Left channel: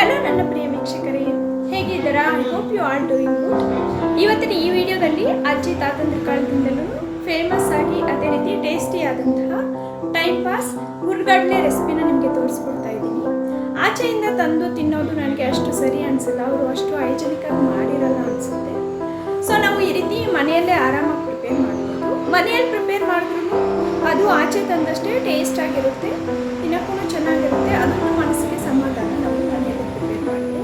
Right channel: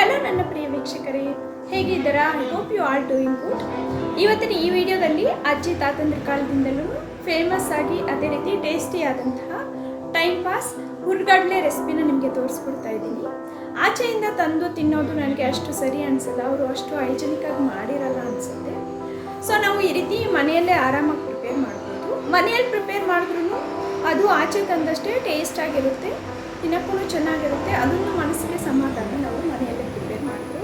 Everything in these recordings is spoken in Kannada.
ಹಲೋ ನನ್ನ ಪ್ರಿಯ ವೀಕ್ಷಕರೇ, ಹೇಗಿದ್ದೀರಾ? I hope you all doing good. ಇವತ್ತಿನ ಈ ವಿಡಿಯೋದಲ್ಲಿ ಅಜ್ಜಿ ತಾತಂದ್ರ ಕಾಲದಿಂದಲೂ ಫೇಮಸ್ ಆಗಿ ಅದೇ ರೀತಿ ಟೇಸ್ಟಿ ಆದಂತಹ ಟೈಮ್ ಪಾಸ್ ಹುರ್ಗಡ್ಲೆ ರೆಸಿಪಿನ ನಿಮಗೆ ತೋರಿಸ್ಕೊಡ್ತಾ ಇದ್ದೀನಿ. ಆಚೆಯಿಂದ ತಂದು ತಿನ್ನೋದು ನನಗೆ ಅಷ್ಟು ಸರಿ ಅನಿಸಲ್ಲ, ಅವರು ಅಷ್ಟು ಹೈಜೆನಿಕ್ ಆಗಿ ಮಾಡಿರಲ್ಲ ಅನಿಸುತ್ತೆ. ಸೊ ನಾವು ಈ ರೀತಿ ಮನೆಯಲ್ಲೇ ಆರಾಮಾಗಿ ಪ್ರಿಪೇರ್ ಮಾಡ್ಬೋದು. ಮನೆಯಲ್ಲಿ ಪ್ರಿಪೇರ್ ಮಾಡಿದ್ರೂ ಅದು ಆಚೆ ತಂದಷ್ಟೇ ಟೇಸ್ಟ್ ಆಗಿರುತ್ತೆ, ತಿನ್ನಕ್ಕೂ ಚೆನ್ನಾಗಿರುತ್ತೆ. ಅದೊಂದು ಮನಸ್ಸಿಗೆ ಸಮಾಧಾನ ನಾವು ಮನೆಯಲ್ಲೇ ಪ್ರಿಪೇರ್ ಮಾಡಿದ್ರು.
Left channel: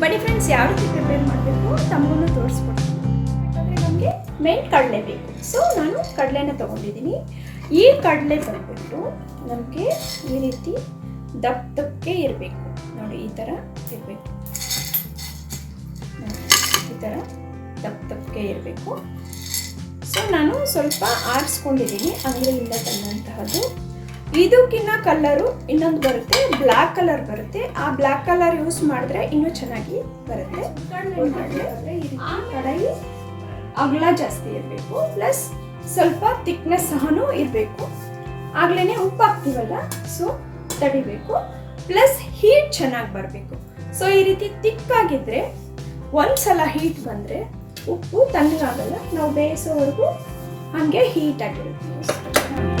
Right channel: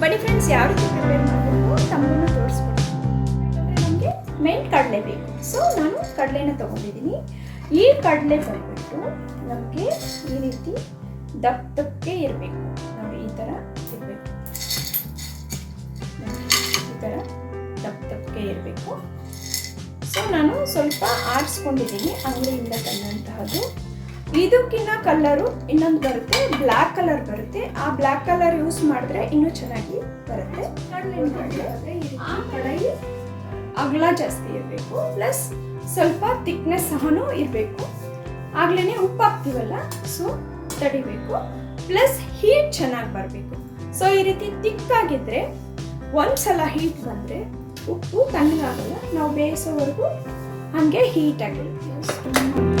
ಬನ್ನಿ ಫ್ರೆಂಡ್ಸ್, ಯಾವ ರೀತಿ ಪ್ರಿಪೇರ್ ಮಾಡಬೇಕು ತಮಗೂ ತೋರಿಸ್ಕೊಡ್ತೀನಿ. ಅಂದರೆ ನಮಗೆ ಮೇನ್ ಕಡಲೆ ಬೇಕು. ಸೊ ನಾನು ಕಡಲೆನ ತೊಗೊಂಡಿದ್ದೀನಿ. ಈ ಕಡಲೆ ಬಂದ್ಬಿಟ್ಟು ನಮಗೆ ಈ ರೀತಿ ದಪ್ಪಕ್ಕೆ ಇರಬೇಕು. ನೋಡಿ, ಈ ಥರ ಇರಬೇಕು. ಈ ಥರ ದಪ್ಪಕ್ಕೆ ಇರಬೇಕು. ಸೊ ನಾನು ಸ್ವಲ್ಪ ಆರಿಸ್ಕೊಂಡಿದ್ದೀನಿ ಅಂಗಡಿಯಿಂದ ತಂದಂತಹದ್ದು. ಇದಕ್ಕಿನ್ನ ಕಲರು ಇನ್ನೊಂದು ಬರುತ್ತೆ, ಬ್ಲ್ಯಾಕ್ ಕಲರ್ ಬರುತ್ತೆ. ಆ ಬ್ಲ್ಯಾಕ್ ಕಲರ್ ಯೂಸ್ ಮಾಡಿದ್ರೆ ಇನ್ನೂ ಚೆನ್ನಾಗಿ ಬರುತ್ತೆ. ಕಡಲೆ ಈ ರೀತಿ ಕಡಾಯಿ ಅಗಲ ಜಾಸ್ತಿ ಇರಬೇಕು, ಪ್ಲಸ್ ಸ್ವಲ್ಪ ಥಿಕ್ನೆಸ್ ಸಹನೂ ಇರಬೇಕು. ಆಗ್ಲೇ ಉಪ್ಪು ಹಾಕ್ತೀವಲ್ಲ, ಸೊ ತಡಿಬೇಕು. ಪ್ಲಸ್ ಹೀಟ್ ಚೆನ್ನಾಗಿ ಬರಬೇಕು. ಸೊ ಈ ರೀತಿ ತಿಕ್ಕಾಗಿದ್ದರೆ ಒಂದ್ಸಲ ಹೀಟ್ ಬಂದರೆ ಉಪ್ಪು ತಣ್ಣಗಾಗಲ್ಲ, ನಾವು ಬೇಯಿಸೋವರೆಗೂ ಹಾಗೆ ಹೀಟ್ ಆಗಿರುತ್ತೆ.